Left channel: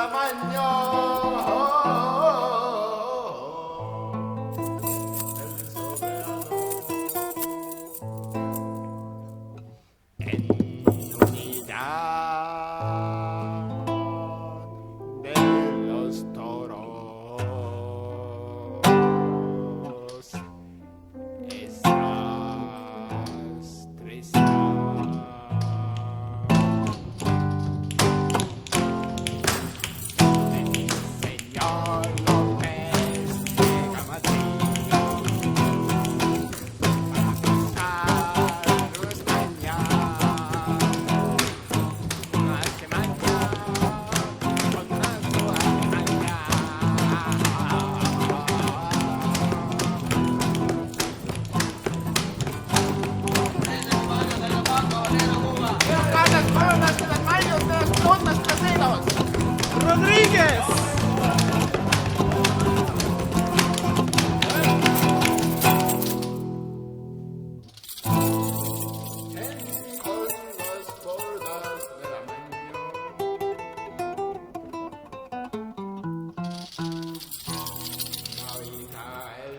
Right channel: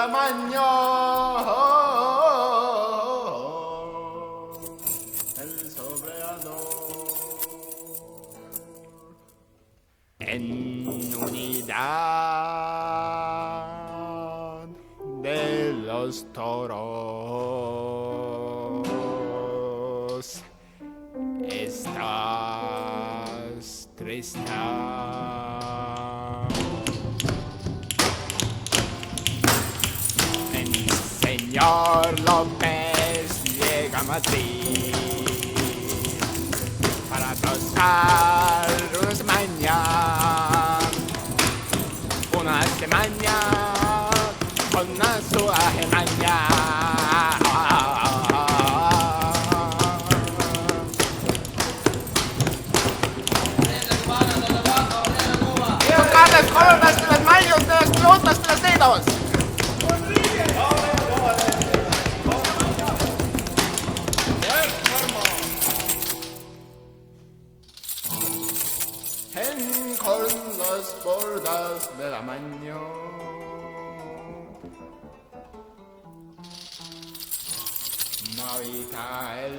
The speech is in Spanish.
la mañana. El soberano en unidad de los toros. Estás triste. El señor López llega a Madrid para tostar una semana con una suave maña. Tocar las coronas de las manos de las pelotas de los dedos. ¡Rodríguez! Con las bordas de la mañana. Marita el